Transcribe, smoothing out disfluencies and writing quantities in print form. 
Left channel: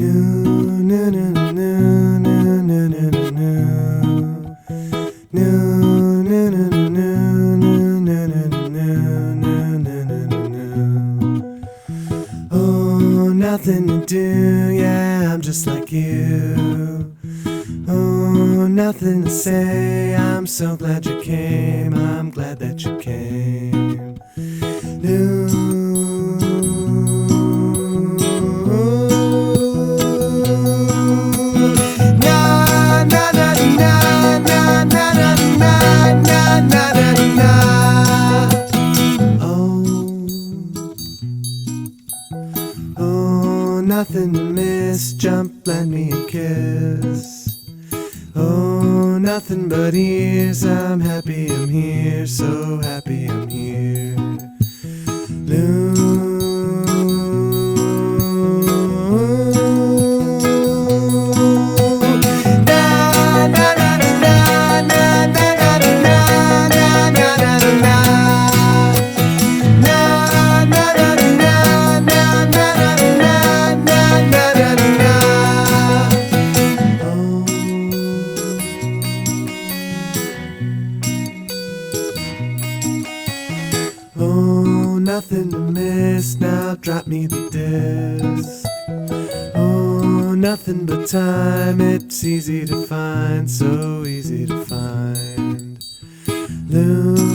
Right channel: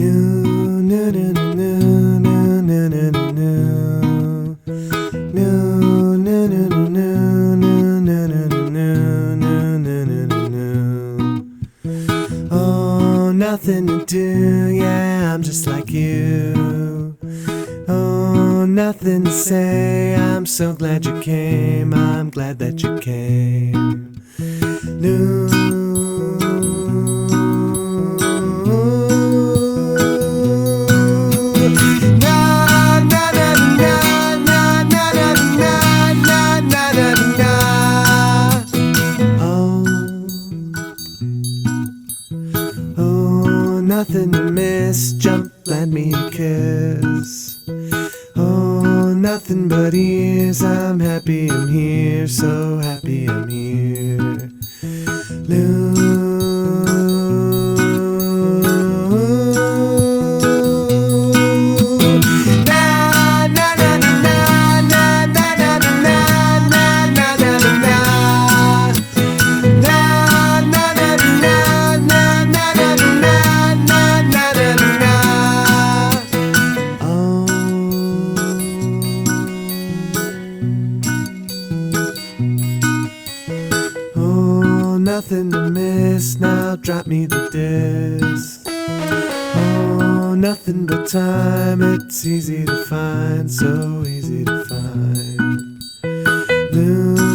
Oh, nothing to do, yeah, I'm just like you. Oh, nothing to say, I'm so glad you came, I'm glad that you came. Oh, nothing to miss, jump, let me a kiss. Oh, nothing but ears, I'm happy I'm here, so happy I'm here. Oh, nothing to miss, now drop me the disc. Oh, nothing but time, it's easy to find, so easy to find. Luna.